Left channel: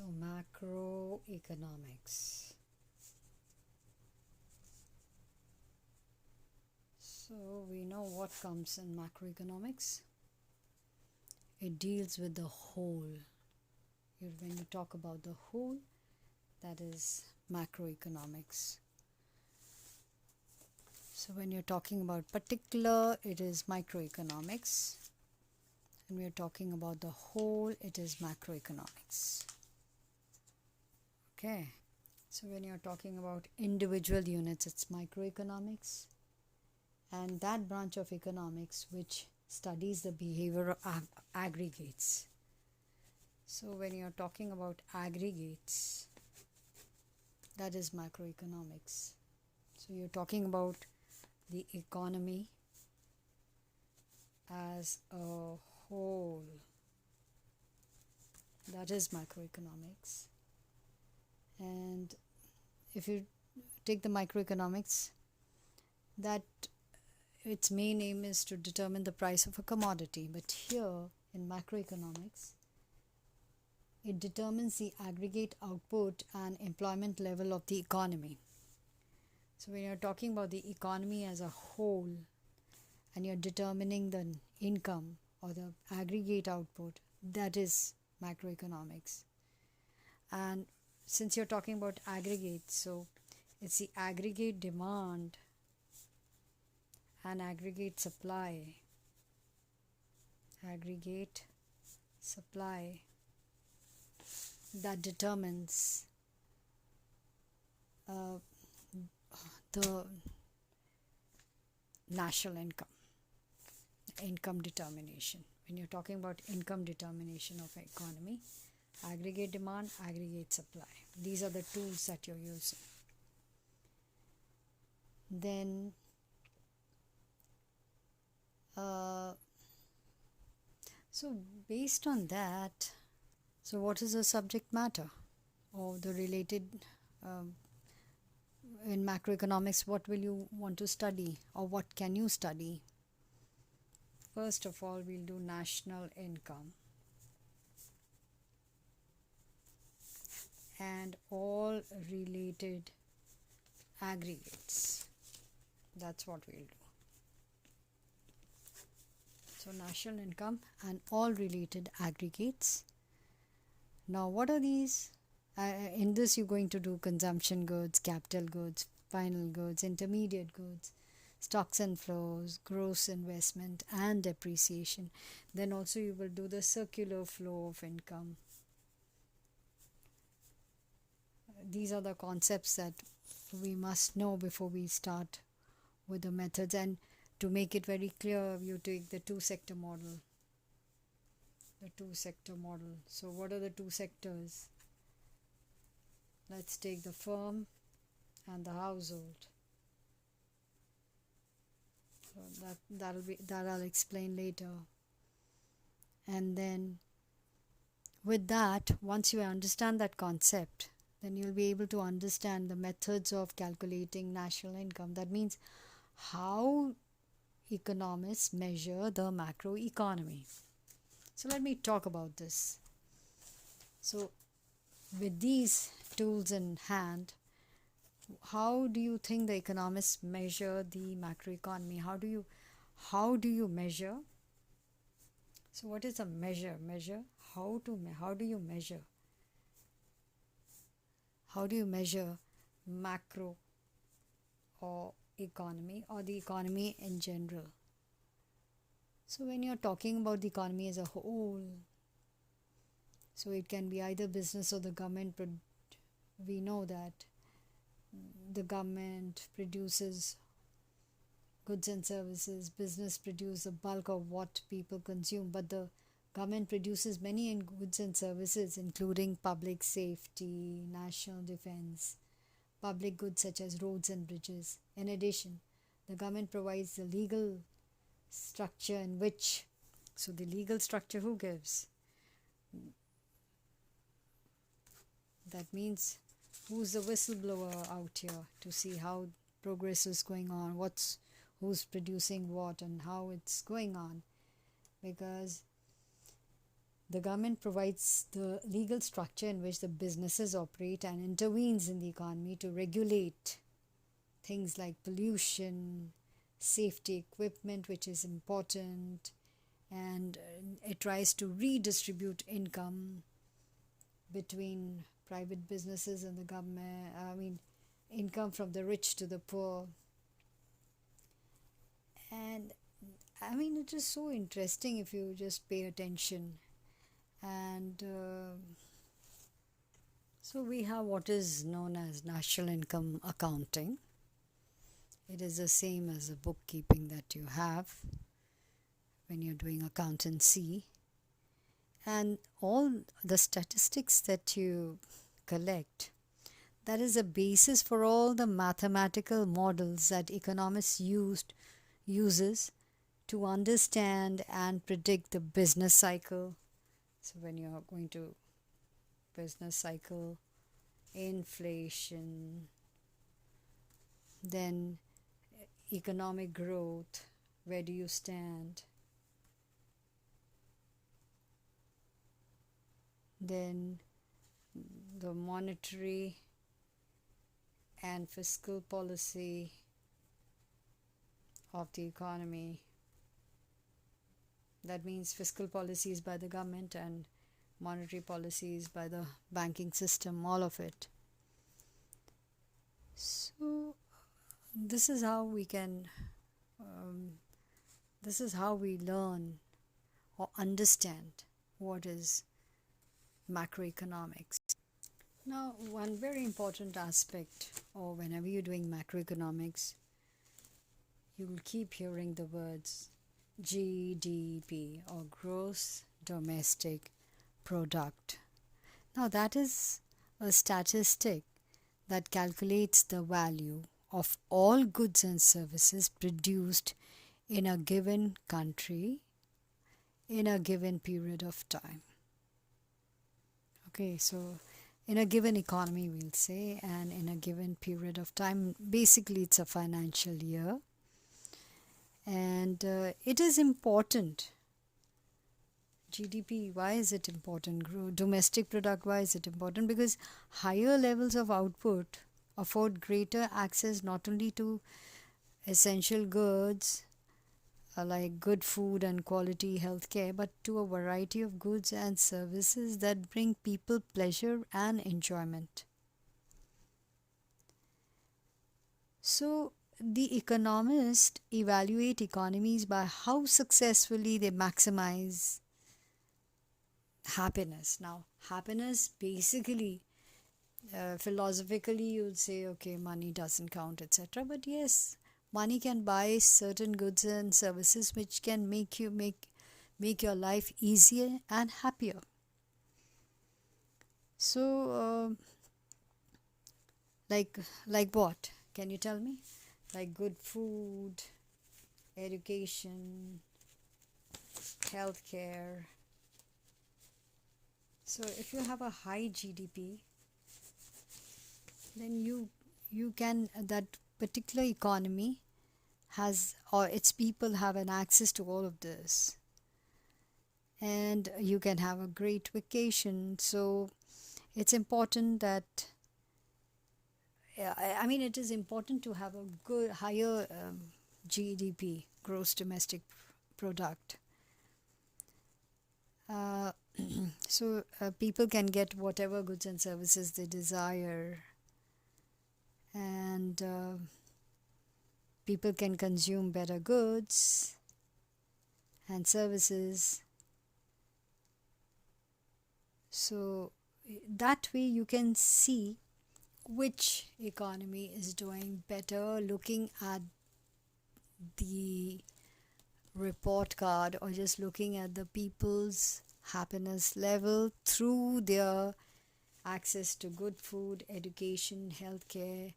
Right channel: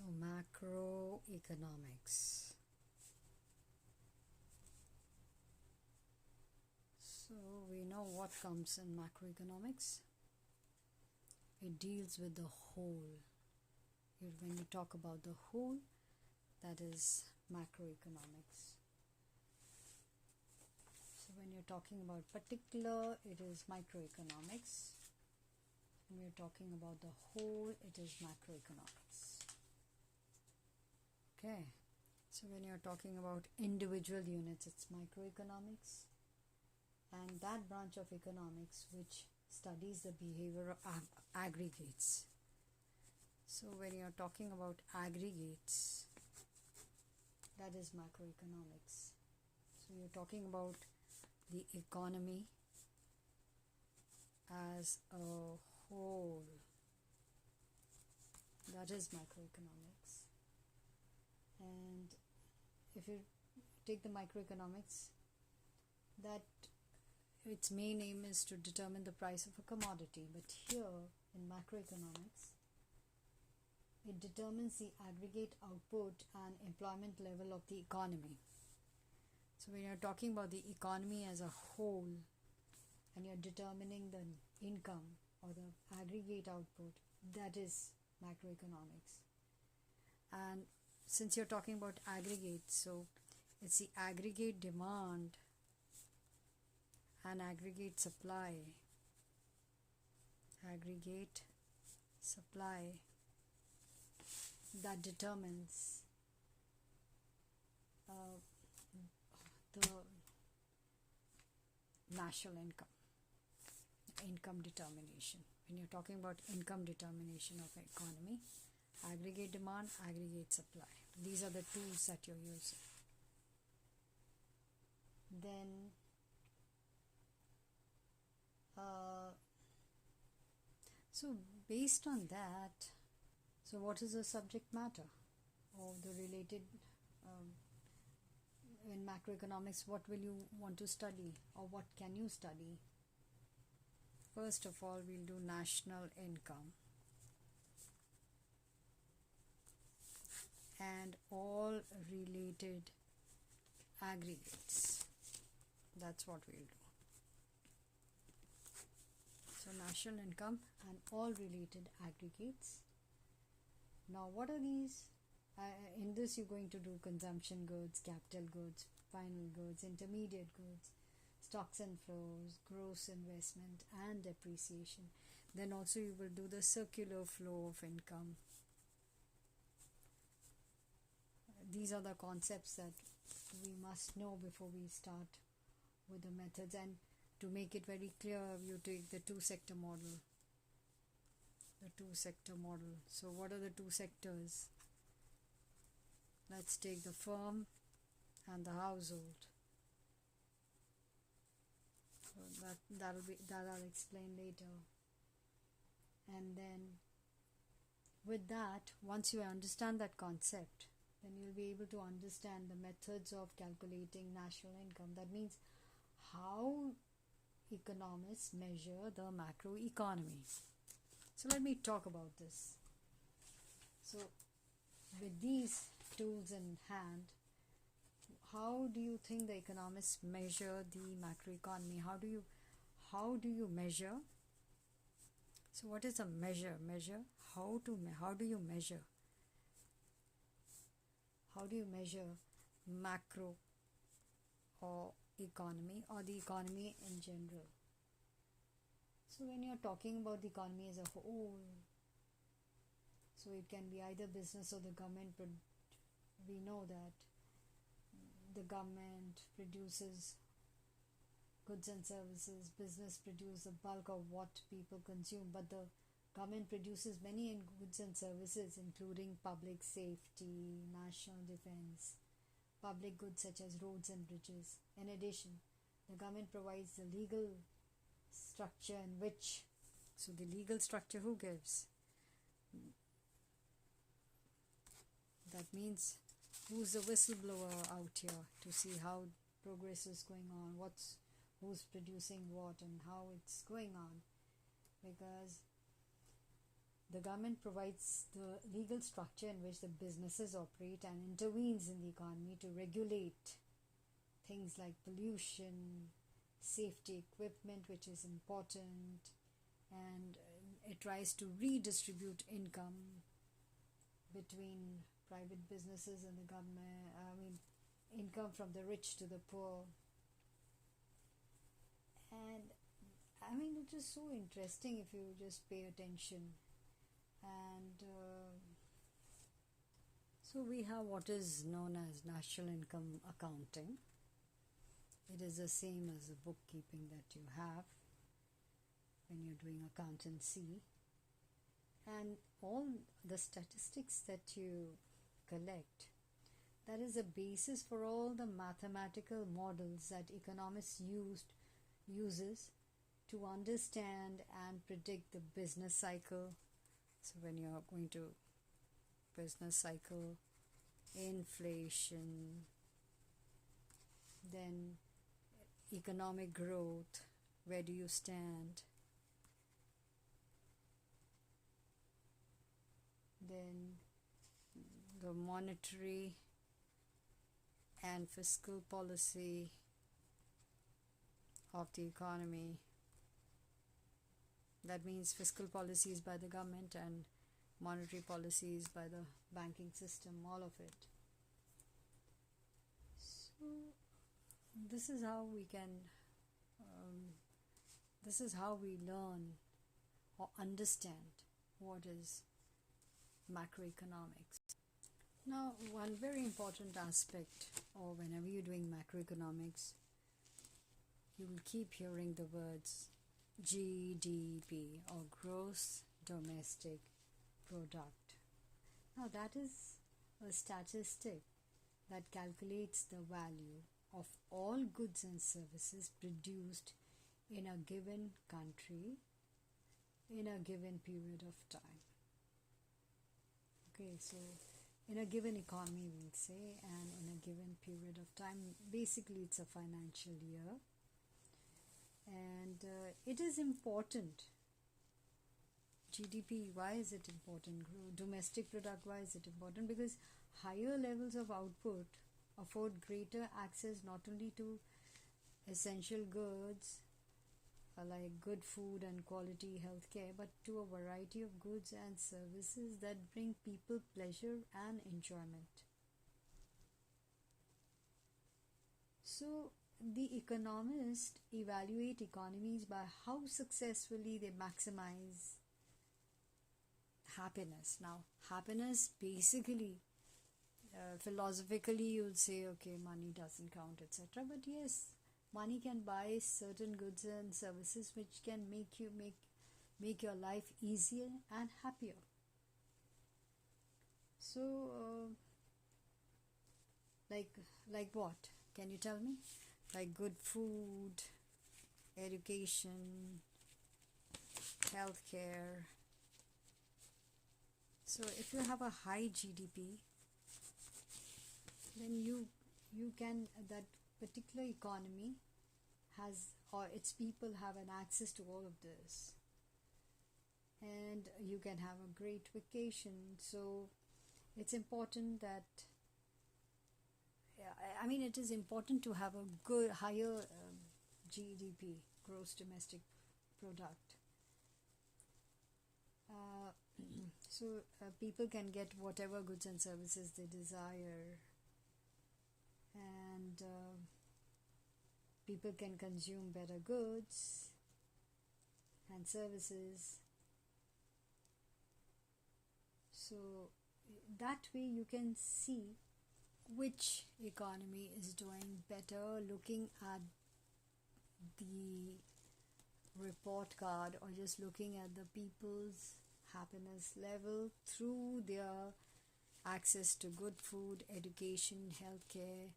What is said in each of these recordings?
So macroeconomics. So we know what comes in macroeconomics. It deals with the whole. When you talk about the whole, that is macroeconomics. So when you're talking about particular, it is microeconomics. When we are talking about the whole, it is macroeconomics. Okay. So when you're talking about individual units, it's microeconomics. And that branch of economics which studies the behavior of aggregates. So when you're talking about aggregates, that is macroeconomics. So you're talking about the economy as a whole. That is macroeconomics. And if you take the microeconomics, that its main aim is to determine the price of a commodity. But here in macroeconomics, it determines the aggregate output and employment level of the economy. So when you're talking about the economy as a whole and you're determining the income or the aggregate output, that is macroeconomics. And since you're talking about aggregates, so it's the aggregate demand and aggregate supply that determines the national income determination. When you're talking about income determination of an economy, aggregate demand, aggregate supply, these are the tools that you're using. Then so based on that, so what is the subject matter or the related in macroeconomics, what will you want to study or what can you study? First of all, we'll do national income and all related aggregates. That's what we'll do. So national income and all related aggregates. Now what are these? In this you're going to do consumption goods, capital goods, final goods, intermediate goods, stocks and flows, gross investment and depreciation. Then also you will do the circular flow of income. These are the concepts that we must know before we start with the methods. And to make it very clear, you take the two-sector model. So what are the two sectors? Let's take the firm and the household. So that I'll explain later. And then with that, once you understand that concept, then you'll be able to understand the methods of calculating national income. That means how economists measure the macroeconomy. So let me talk about this. So with these tools in hand, how do you think the economists measure the macroeconomy? How do you measure? So what is a measure? How do you measure? How do you measure macro or economy or the economy in general? So when you're talking about the economy as a whole, so it can be either business or the government. We know that the government produces goods and services, business produces the bulk of what people consume, but the government produces many goods and services including public safety, national defense, public goods such as roads and bridges. In addition, the government provides the legal structure in which, so the legal structure who gives? That means who's the whistleblower out here to see how progress is going on, who's producing what and how it's going on. Because The government provides the legal structure in which the businesses operate and intervenes in the economy to regulate things like pollution, safety equipment, which is important, and it tries to redistribute income between private businesses and the government. Income from the rich to the poor. And it is so interesting if you just pay attention. And so we have what is known as national income accounting. It is the same as the bookkeeping that you have when you're doing accountancy. And all the statistics that you collect, that is the basis for all the mathematical models that economists uses to understand and predict the business cycle. So when you are going to business cycle, inflation, then economic growth, where do you stand? Then the monetary and fiscal policy of the economy. That means fiscal policies by the government and monetary policies by the banking system, all of it. So this is how we learn or understand what is macroeconomics. Now, one very important aspect, or whenever you're doing macroeconomics, you will keep hearing the words GDP, or gross domestic product. Now, that is a statistic that calculates the value of all goods and services produced in a given country in a given period of time. Okay, so in a given economy, we'll say, and in a given period of time. Basically, it's a financial year. And it is important. GDP, why is it important? Domestic product, why is it important? Because higher levels of output afford greater access not only to essential goods like good food and quality healthcare, but to a variety of goods and services that bring people pleasure and enjoyment. So the economists evaluate economies by how successfully they maximize happiness. Now, happiness basically, philosophically, you'd say, okay, money doesn't count, etc. But yes, money can buy certain goods and services which can make your life easier and happier. So, like what? Can you tell me? Like good food, education, healthcare. So if you have a high GDP, then you can, that particular economy has, or its people have an access to all of this, and you can have a great vacation. So it's important that it is important to have a good higher GDP, gross domestic product. So people can get whatever goods and services they desire, and people can consume better goods and services. So that way you can see which economy is doing better looking at the report card, or just looking at the people's happiness level through their access to good food, education, healthcare,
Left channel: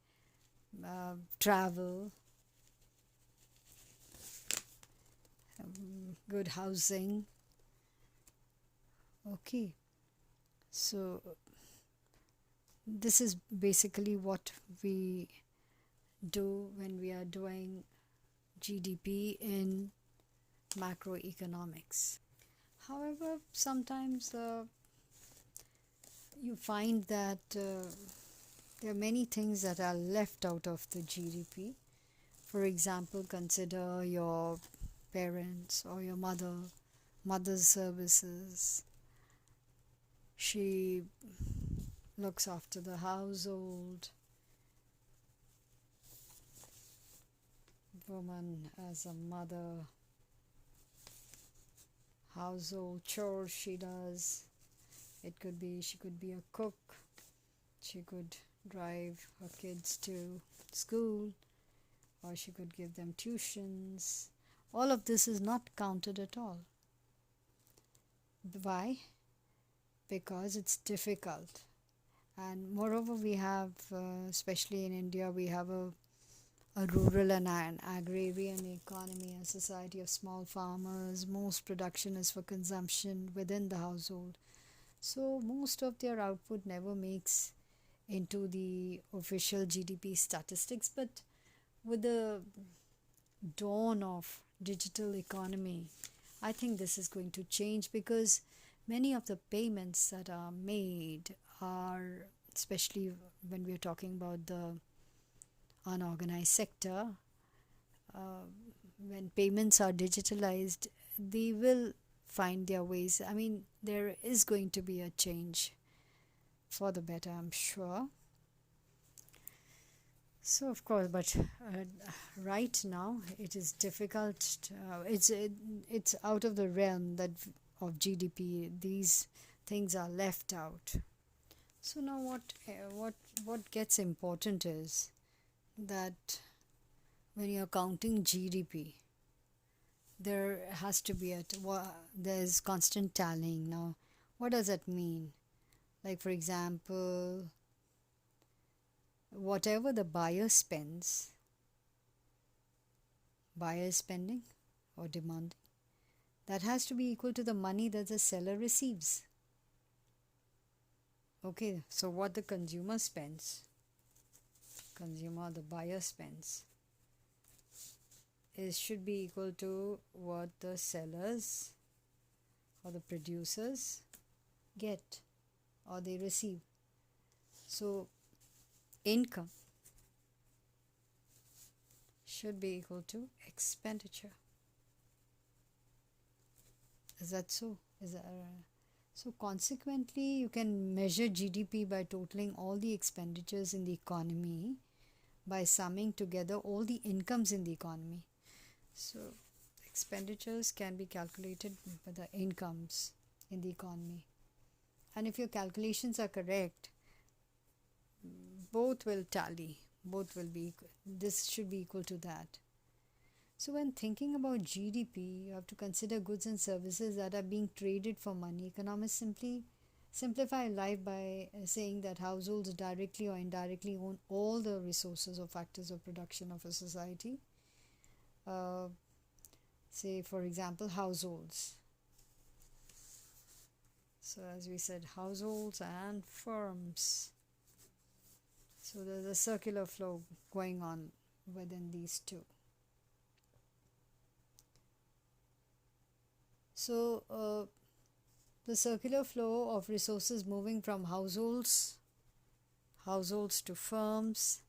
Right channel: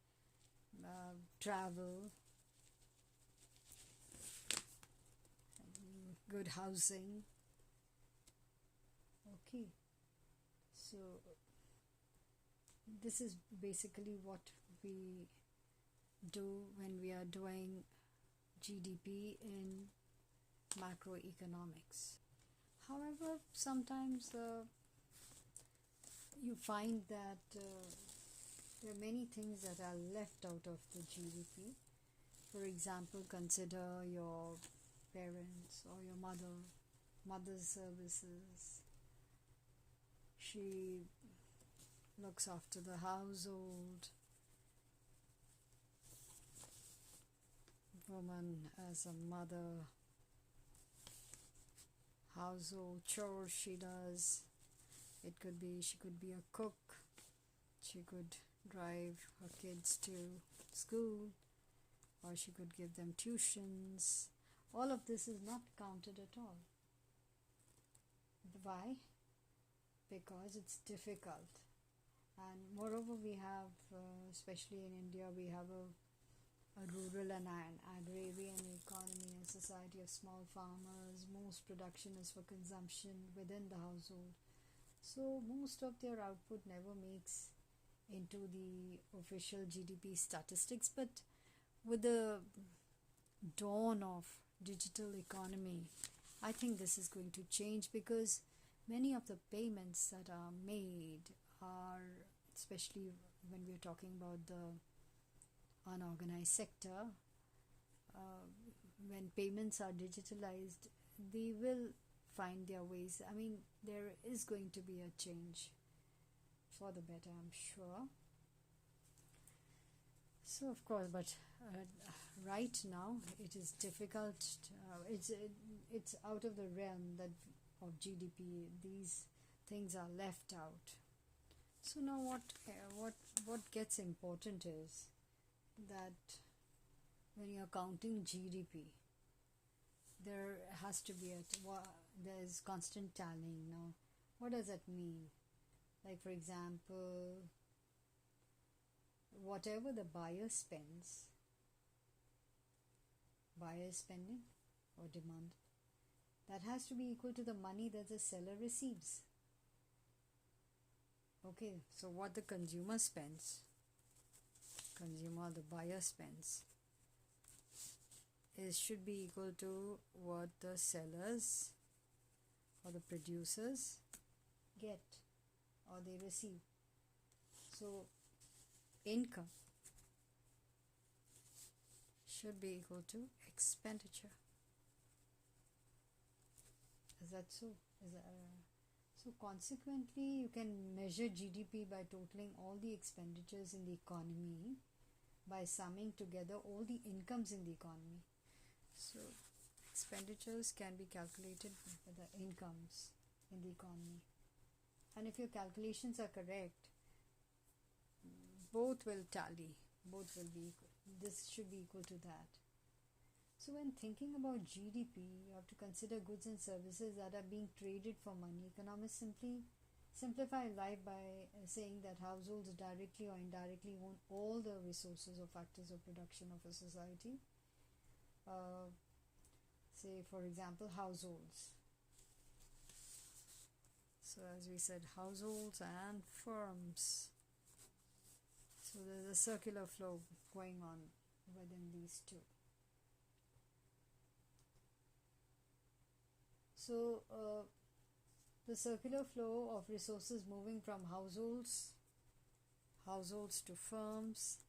travel, good housing. Okay, so this is basically what we do when we are doing GDP in macroeconomics. However, sometimes you find that there are many things that are left out of the GDP. For example, consider your parents or your mother's services. She looks after the household. Woman as a mother, household chores she does. It could be she could be a cook. She could drive her kids to school, or she could give them tuitions. All of this is not counted at all. Why? Because it's difficult. And moreover, we have, especially in India, we have a rural and an agrarian economy, a society of small farmers. Most production is for consumption within the household. So most of their output never makes into the official GDP statistics. But with the dawn of digital economy, I think this is going to change, because many of the payments that are made are, especially when we're talking about the unorganized sector, uh, when payments are digitalized, they will find their ways. I mean, there is going to be a change for the better, I'm sure. So, of course, but right now it is difficult. It's out of the realm that of GDP. These things are left out. So now, what gets important is that when you're counting GDP, there has to be there's constant tallying. Now, what does that mean? Like, for example, whatever the buyer is spending or demand, that has to be equal to the money that the seller receives. Okay, so what the the buyer spends, is should be equal to what the sellers or the producers get or they receive. So income should be equal to expenditure. Is that so? Is that so? Consequently, you can measure GDP by totaling all the expenditures in the economy, by summing together all the incomes in the economy. So expenditures can be calculated by the incomes in the economy. And if your calculations are correct, both will tally, both will be equal. This should be equal to that. So when thinking about GDP, you have to consider goods and services that are being traded for money. Economists simply simplify life by saying that households directly or indirectly own all the resources or factors of production of a society. Say, for example, households. So as we said, households and firms. So there's a circular flow going on within these two. So the circular flow of resources moving from households to firms,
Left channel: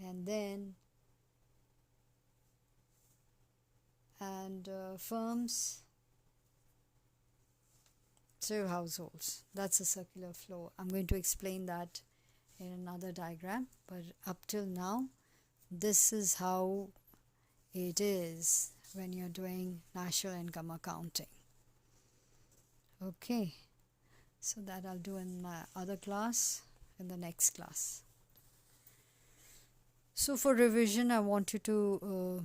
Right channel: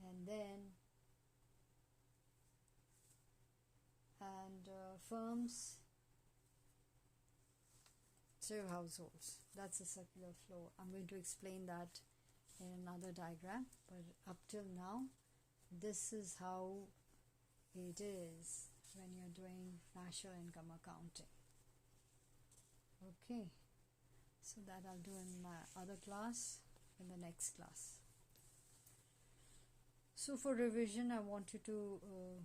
and then firms to households. That's a circular flow. I'm going to explain that in another diagram, but up till now, this is how it is when you're doing national income accounting. Okay, so that I'll do in my other class, in the next class. So for revision, I want you to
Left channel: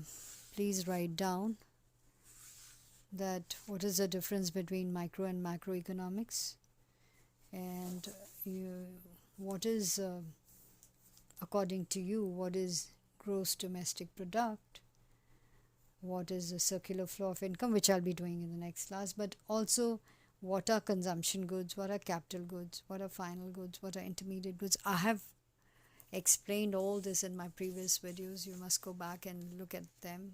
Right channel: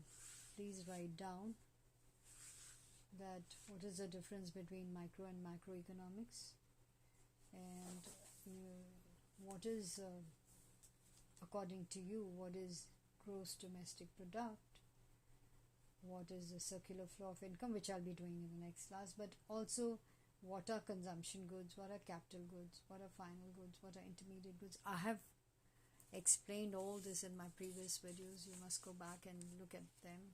please write down that what is the difference between micro and macroeconomics, and what is according to you, what is gross domestic product, what is the circular flow of income, which I'll be doing in the next class, but also what are consumption goods, what are capital goods, what are final goods, what are intermediate goods. I have explained all this in my previous videos. You must go back and look at them.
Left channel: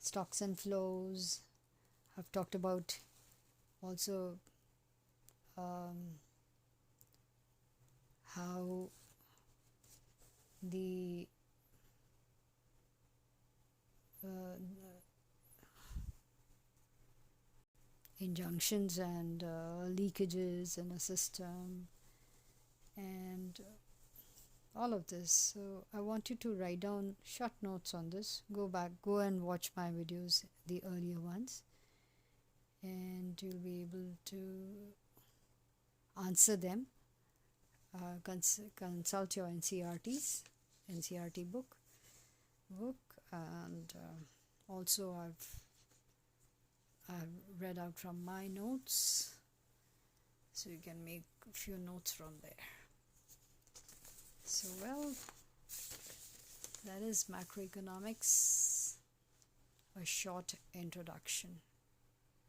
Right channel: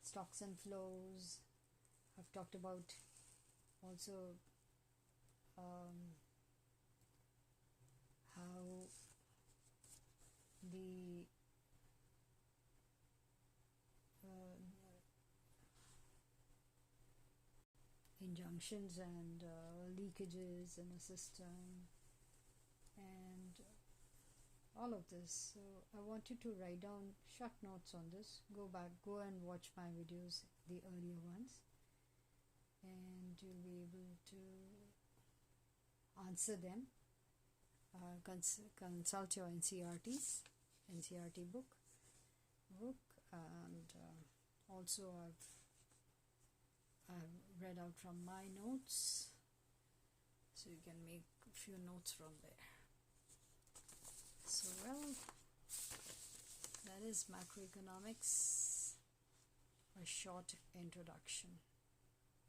Stocks and flows, I've talked about also how the injunctions and leakages in a system and all of this. So I want you to write down short notes on this. Go and watch my videos, the earlier ones, and you'll be able to answer them. Consult your NCERT book, and also I've read out from my notes, so you can make a few notes from there. So well, that is macroeconomics, a short introduction.